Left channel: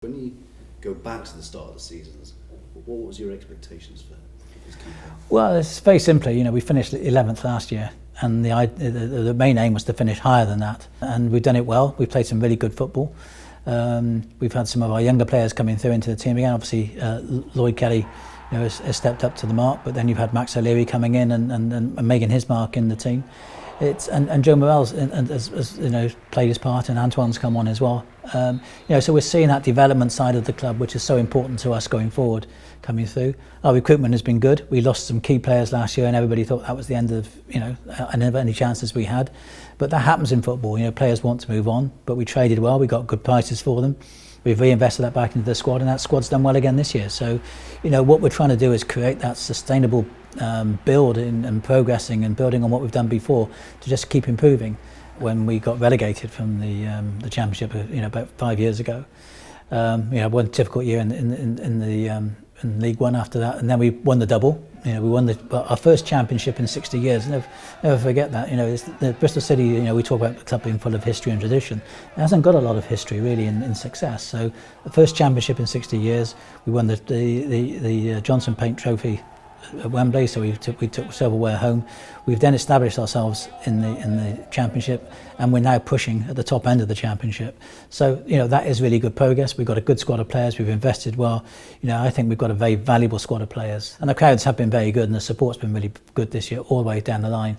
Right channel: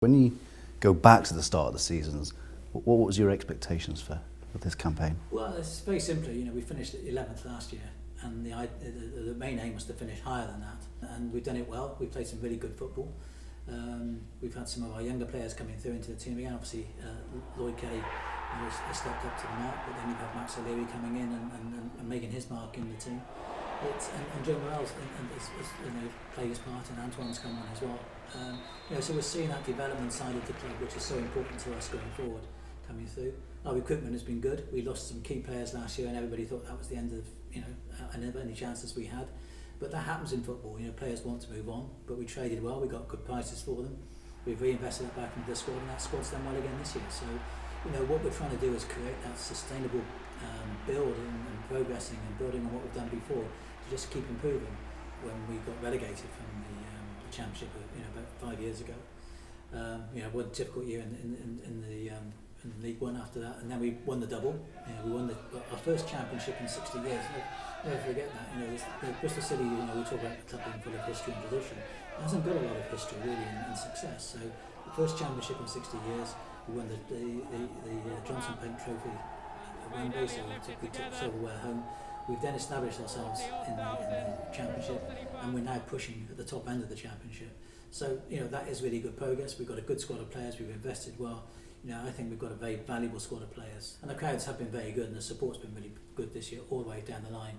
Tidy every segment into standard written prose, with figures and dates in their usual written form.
When you go back to the start of the seasons, what was your expectations for this campaign? Well, it's very simply, we finished 11th last year, and the main aim was to finish higher than that. And we've done it well. We've played some really good football. We've had some of our younger players coming through into the team again. Obviously, Lloyd Kelly has stepped up to the mark, but then you've had Max O'Leary coming in and making his mark in the team. And Joe Morell's has played his part, and Antoine's come on as well. So we're seeing that development side of the club, which is so important to us going forward, coming through. Our recruitment has been good. We lost some key players last year, and everybody thought that was the end of any chances we had. But that happens in football. Players want to move on, but we traded well. We got good prices for them. We've reinvested that back into the squad, and that squad's done well again this year. So, what we're trying to do is create that sustainable build and progressing and building on what we've done before to just keep improving. When we got relegated from the Championship, about 5 years ago, one difficult year in League One after that, and then we won the double. We won our first Championship in 60 years. Never forget that. It's the Bristol City. We talk about the club being full of history and tradition. It hasn't got a lot of history really in success. So the first Championship in 60 years. We won the Johnson Paint Trophy at Wembley, so we took silverware home. We've then established ourselves in the Championship, and we're now pushing at the top end of the Championship. So that is really good progress. We've got a good squad of players. We've invested well. I think we've got a very valuable squad of players, and the crowds have been very good, and the support's been really good this year, all the way down the line.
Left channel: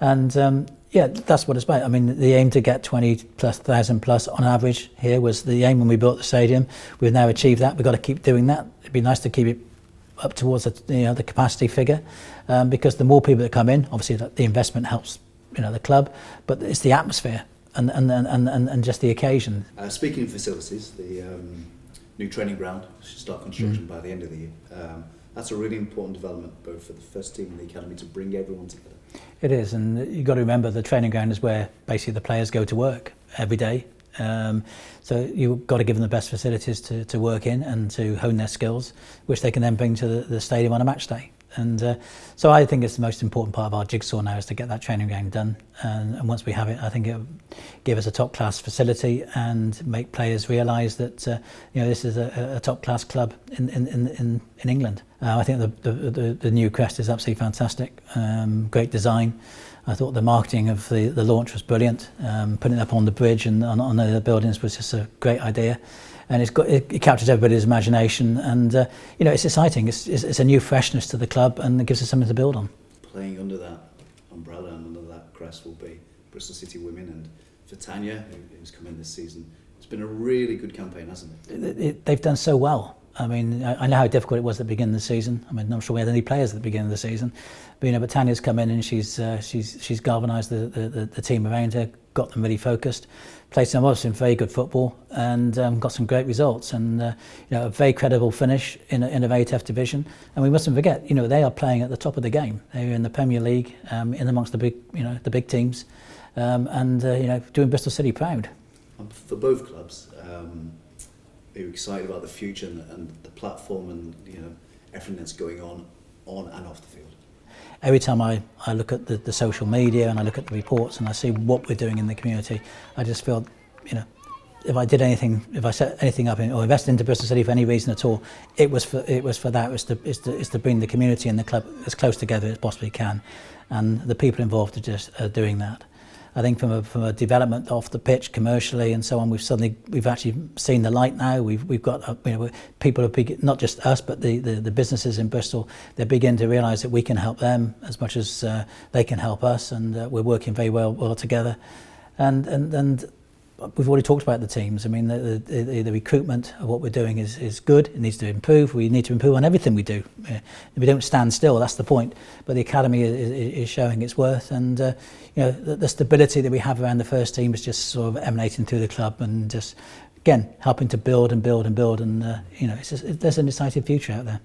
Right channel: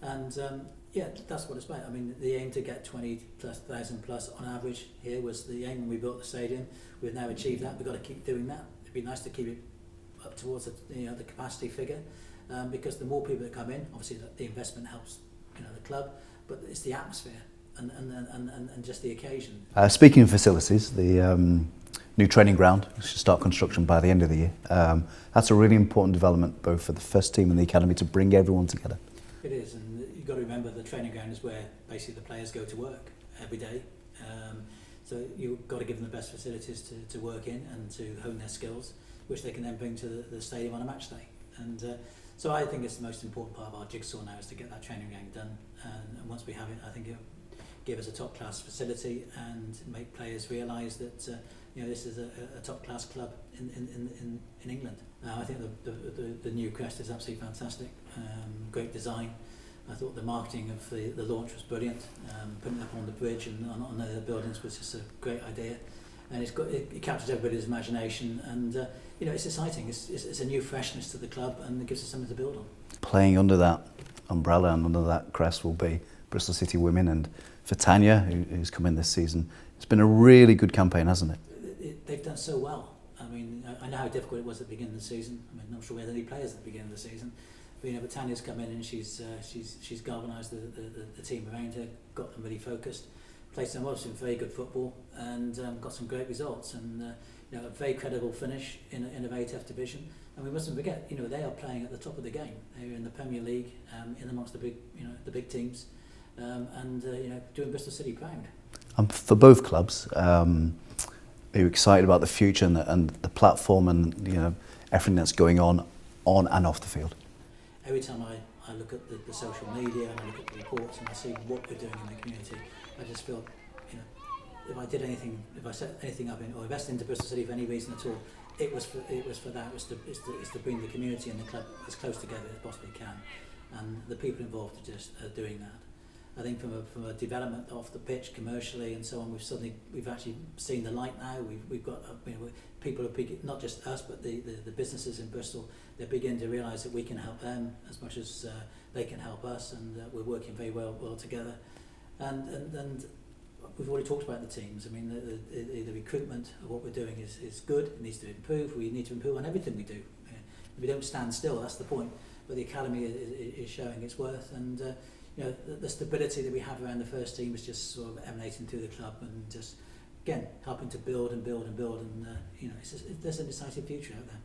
And that's what it's about. I mean, the aim to get 20,000 plus on average here was the aim when we built the stadium. We've now achieved that. We've got to keep doing that. It'd be nice to keep it up towards the capacity figure, because the more people that come in, obviously the investment helps the club, but it's the atmosphere and just the occasion. Speaking of facilities, the new training ground should start construction by the end of the year. That's a really important development both for the first team and the academy to bring everyone together. It is, and you've got to remember the training ground is where basically the players go to work every day. So you've got to give them the best facilities to work in and to hone their skills, which they can then bring to the stadium on a match day. And so I think it's the most important part of our jigsaw now is to get that training ground done. And once we have it, I think it'll give us a top-class facility and make players realise that this is a top-class club in England. I think the new crest is absolutely fantastic. Great design. I thought the marketing of the launch was brilliant. Putting it up on the bridge and on the buildings was just a great idea, and it captures everybody's imagination, and it's exciting. It's a new freshness to the club, and it gives us something to build on. Playing under that umbrella and under that crest will be Bristol City women, and for Tanya, who's come in this season, it's been a really good campaign, hasn't it? They've done so well. I mean, I know how difficult it was at the beginning of the season. I mean, I'm not sure we had any players at the beginning of the season, but Tanya's come in and she's galvanised the team around her, got them really focused, played some very good football, and got some great results, and a very credible finish in a very tough division. And we mustn't forget, they are playing at the top of the game. They're in the Premier League, in amongst the big teams, and doing Bristol City proud. For both clubs. Are you excited about the future and the platform and everything that's going on and off the field? Every time I look at the social media and I look at the reports and I see what we're doing in the community, I just feel, if I set anything up or invested into Bristol City for any reason at all, it was for that. It's to bring the community and the club as close together as possibly can, and the people involved are just doing that. I think from a development off the pitch commercially and so on, we've actually seen the light now. We've got people are not just us, but the businesses in Bristol. They're beginning to realise that we can help them as much as they can help us, and we're working very well together. And we've already talked about the teams. I mean, the recruitment of what we're doing is good. It needs to improve. We need to improve on everything we do. We don't stand still. That's the point. But the academy is showing its worth, and the stability that we have around the first team is just sort of emanating through the club, and just again helping to build and build and build. And there's an exciting future out there.